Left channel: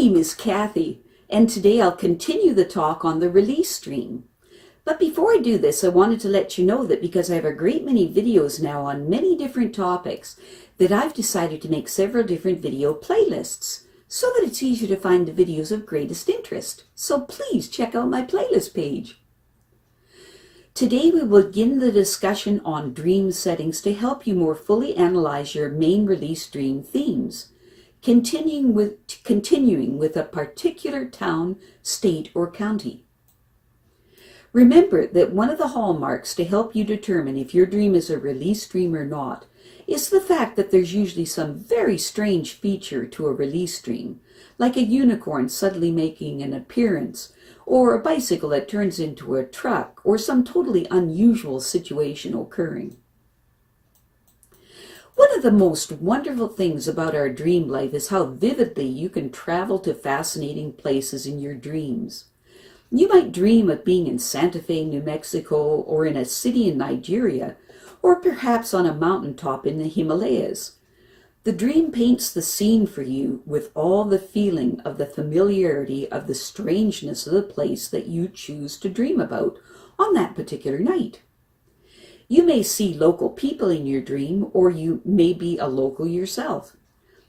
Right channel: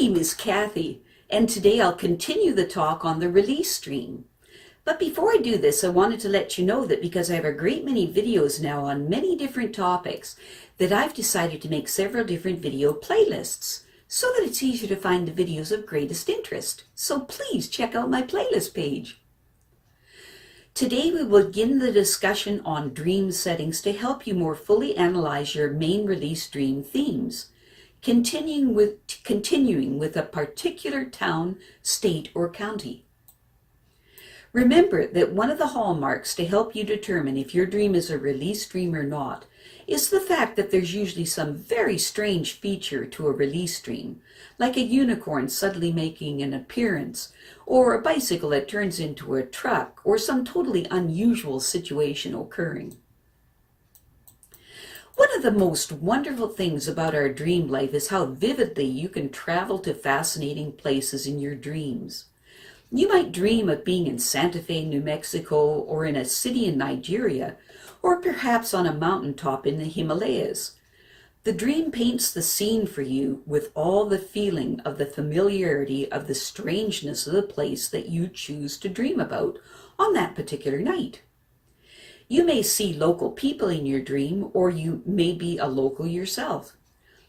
name is Kathy, and today I'll continue the talk on the release dream. But before I do this, I wanted to let you know that because I have a great many videos now on many different topics, that I've decided to make several different video playlists so that it's easier to find the videos of greatest interest. So please check out my playlist page. Today we will begin the discussion on dream settings to help you more fully analyze your main release dream themes, continuing with a particular town, state, or county. Remember that one of the hallmarks to help you determine if your dream is a release dream or not is the fact that there's usually some very strange feature to a release dream, like a unicorn suddenly making an appearance, or a bicycle that turns into a truck, or some totally unusual situation occurring. One of the most wonderful things about our dream life is how vividly you can travel to fascinating places in your dreams. You might dream of being in Santa Fe, New Mexico, or in a city in Nigeria, or perhaps on a mountaintop in the Himalayas. The dream paints the scene for you with all the feeling of the familiarity of the strangeness of the place that you choose to dream about on that particular night. You may see local people in your dream, or you may be a local yourself.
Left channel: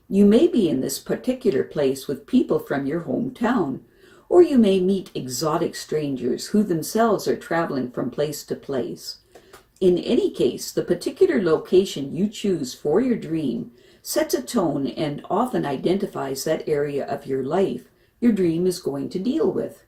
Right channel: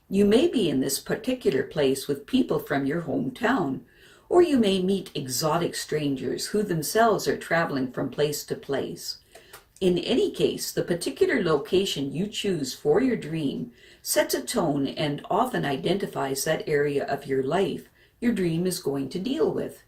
You may be in this particular place with people from your hometown, or you may meet exotic strangers who themselves are traveling from place to place. In any case, the particular location you choose for your dream sets a tone and often identifies that area of your life your dream is going to deal with.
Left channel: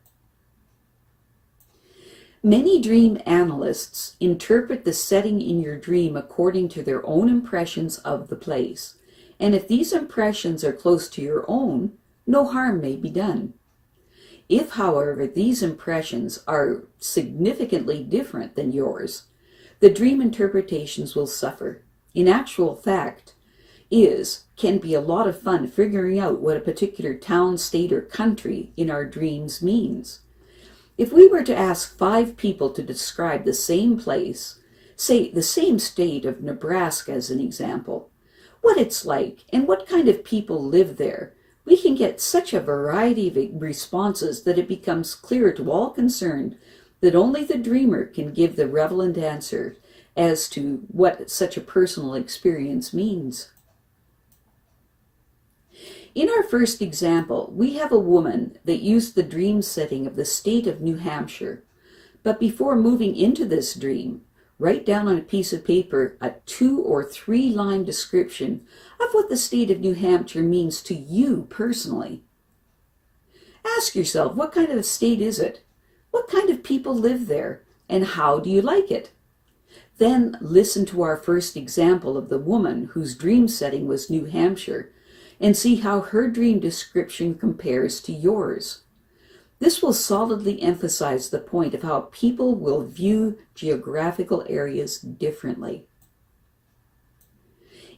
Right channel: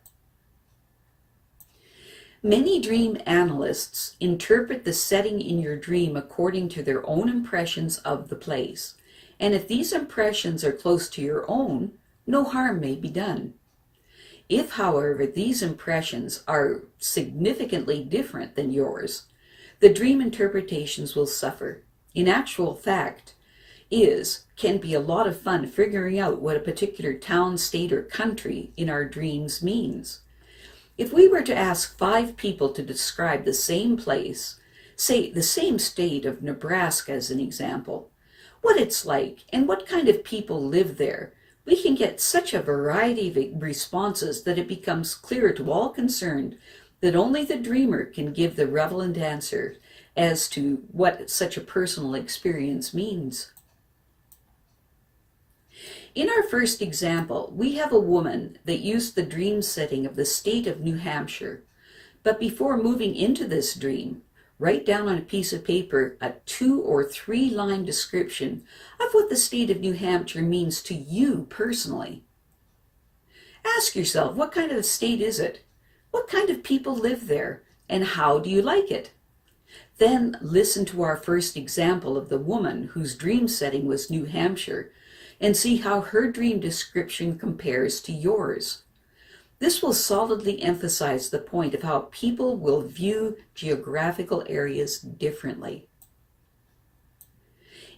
Many dream analysts interpret the setting in your dream according to their own impressions of the place, and if these impressions are close to your own, no harm may be done. If, however, these impressions are significantly different than yours, the dream interpretations will suffer. In actual fact, can be a lot of fun figuring out what a particular town, state, or country in our dreams means. If we were to ask 5 people to describe the same place, say the same state of Nebraska as an example, what it's like and what kind of people live there, we can get such a variety of responses that it becomes clear to all concerned that only the dreamer can give the relevant answer as to what such a personal experience means. In our first example, we have a woman that used the dream setting of the state of New Hampshire, but before moving into this dream, write down on a piece of paper a 2 or 3 line description of what the state of New Hampshire means to you personally. Ask yourself, what kind of a state is it? What kind of people live there? And how do you like it? Then listen to our first example of the woman whose dream setting was New Hampshire and see how her dream description compares to yours. This will solidly emphasize the point of how people will view geographical areas differently.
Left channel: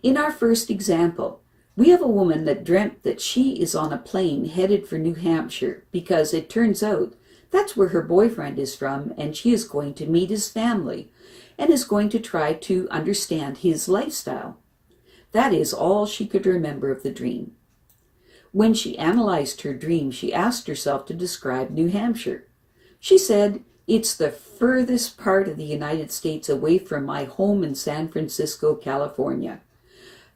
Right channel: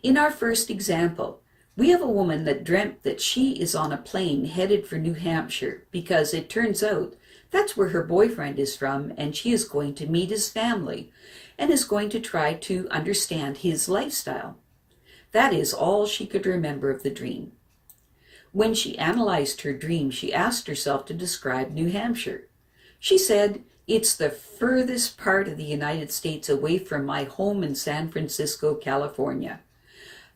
In our first example, we have a woman that dreamt that she is on a plane headed for New Hampshire because it turns out that's where her boyfriend is from, and she is going to meet his family and is going to try to understand his lifestyle. That is all she could remember of the dream. When she analyzed her dream, she asked herself to describe New Hampshire. She said, "It's the furthest part of the United States away from my home in San Francisco, California.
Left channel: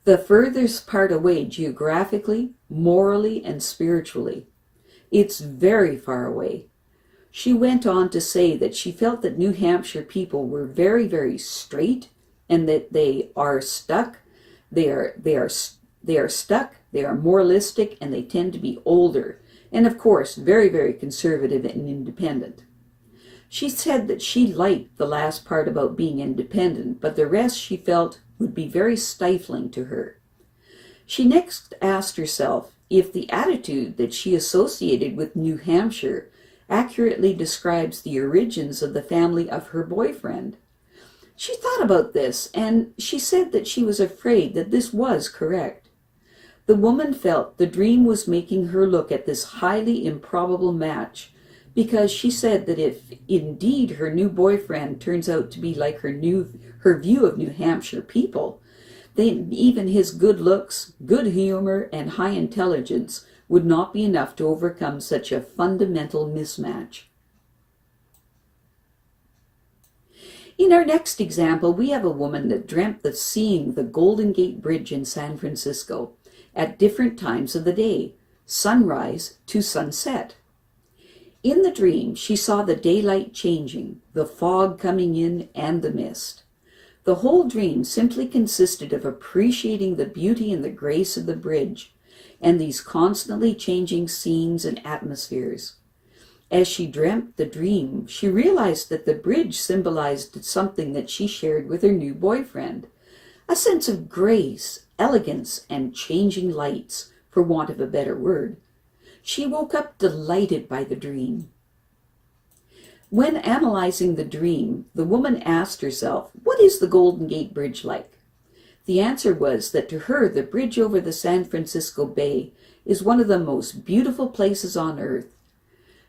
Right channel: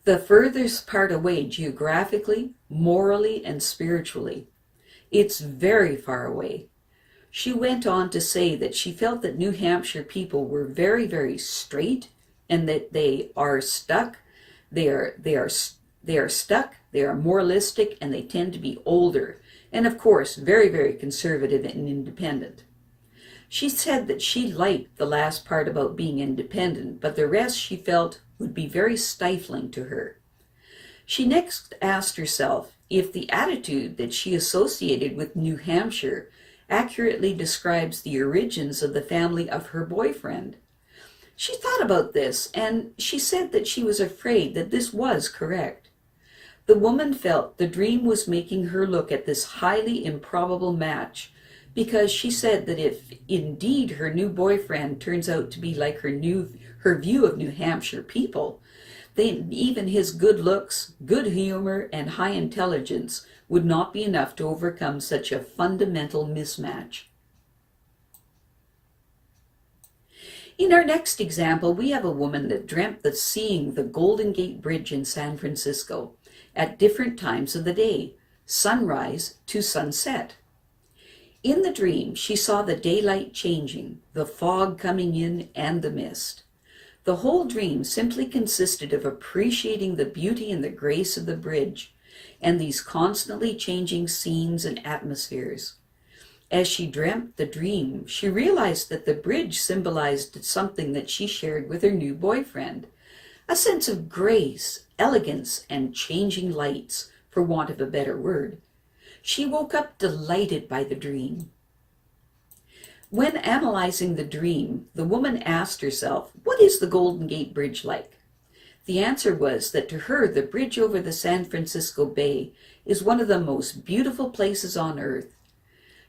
The furthest part away geographically, morally, and spiritually. It's very far away." She went on to say that she felt that New Hampshire people were very, very straight and that they are stuck. They are stuck, they are moralistic, and they tend to be older, and of course, very, very conservative and independent. She said that she liked the last part about being independent, but the rest she felt would be very stifling to her. She next asked herself if the attitude that she associated with New Hampshire accurately describes the origins of the family of her boyfriend. She thought about this, and she said that she was afraid that this was correct. The woman felt the dream was making her look at this highly improbable match, because she said that if indeed her new boyfriend turns out to be like her view of New Hampshire people, then even his good looks, good humor, and high intelligence would not be enough to overcome such a fundamental mismatch. In our next example, we have a woman that dreamt of seeing the Golden Gate Bridge in San Francisco at different times of the day, sunrise to sunset. In the dream, she saw the daylight changing, the fog coming in, and the mist. The whole dream simply consisted of appreciating the beauty and the grace of the bridge, and these constantly changing scenes and atmospheres. As she dreamt the dream, she realized that the bridge symbolized something that she shared with her new boyfriend, a sense of grace, elegance, and changing lights, for want of a better word. She woke up delighted by the dream. When analyzing the dream, the woman asked herself, "What is the Golden Gate Bridge like?" The answer was that to her, the bridge over the San Francisco Bay is one of the most beautiful places on earth.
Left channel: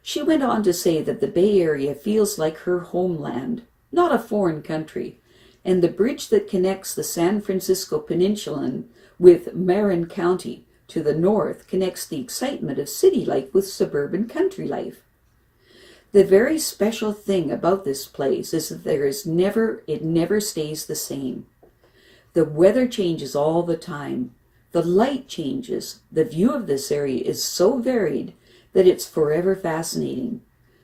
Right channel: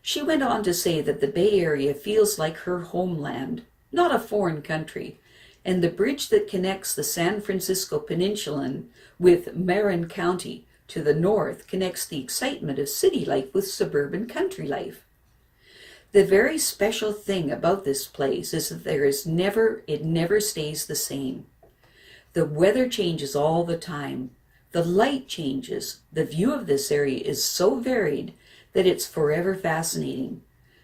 She went on to say that the Bay Area feels like her homeland, not a foreign country, and the bridge that connects the San Francisco Peninsula with Marin County to the north connects the excitement of city life with suburban country life. The very special thing about this place is that it never stays the same. The weather changes all the time. The light changes. The view of this area is so varied that it's forever fascinating.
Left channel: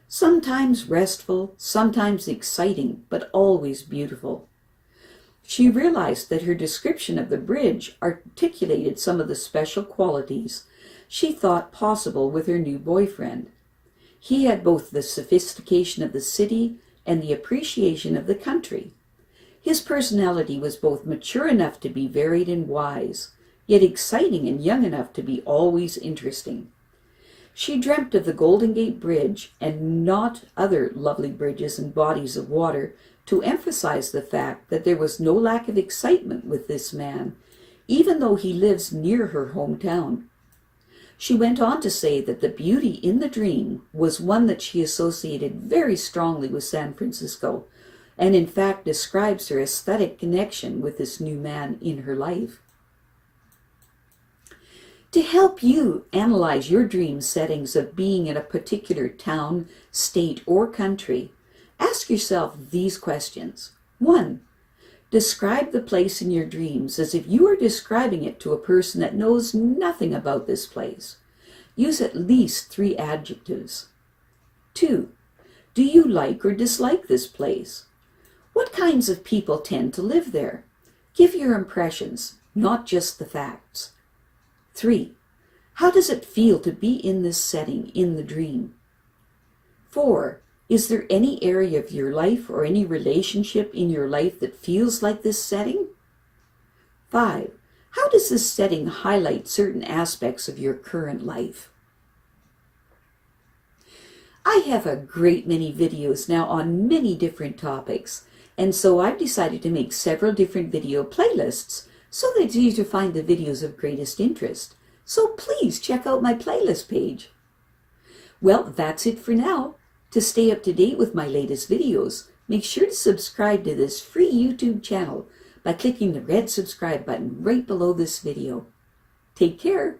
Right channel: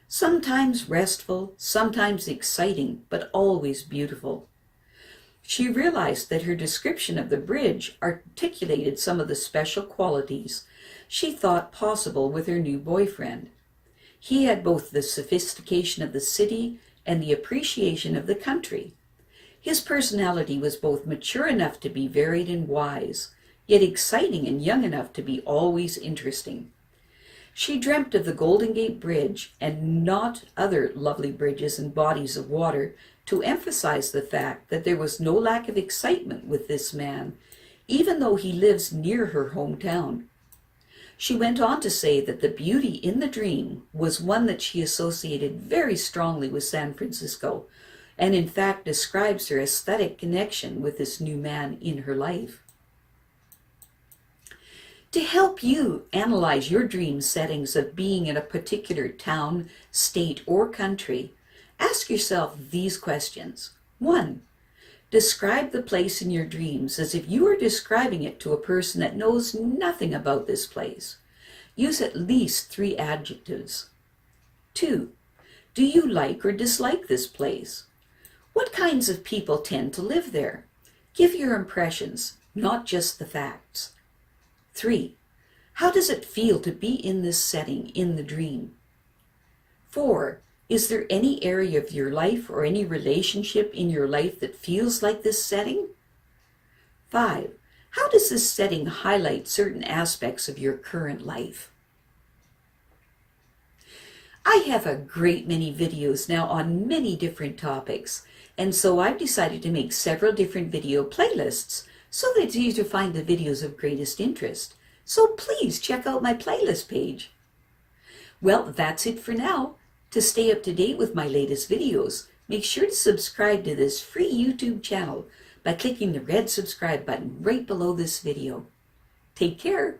Sometimes restful, sometimes exciting, but always beautiful. She realized that her description of the bridge articulated some of the special qualities she thought possible with her new boyfriend. He had both the sophistication of the city and the appreciation of the country. His personality was both mature enough to be varied and wise, yet exciting and young enough to be always interesting. She dreamt of the Golden Gate Bridge and not other lovely bridges and bodies of water to emphasize the fact that there was no lack of excitement with this man, even though he lives near her hometown. She went on to say that the beauty in the dream was one that she associated very strongly with San Francisco, and in fact describes her aesthetic connection with this new man in her life. To help you analyze your dream settings of being in a particular town, state, or country, ask yourself these questions. 1. Describe the place in your dreams as if you were describing it to a person that knows nothing about this place. Use at least 3 adjectives. 2. Do you like or dislike this place? What kinds of people tend to live there? Give your impressions, not just the facts. 3. How does it feel to be in this setting in the dream? 4. Is there any area of your life or any relationship in your life that feels like this setting? 5. How does this setting highlight certain aspects of your current life? I have a great many videos now on many different topics, and so I've decided to make several different video playlists so that it's easier to find the videos of greatest interest. So please check out my playlist page. Well, that's it for now. To stay up to date with my latest videos, make sure to subscribe to this free YouTube channel by clicking the red subscribe button right below this video. Take care.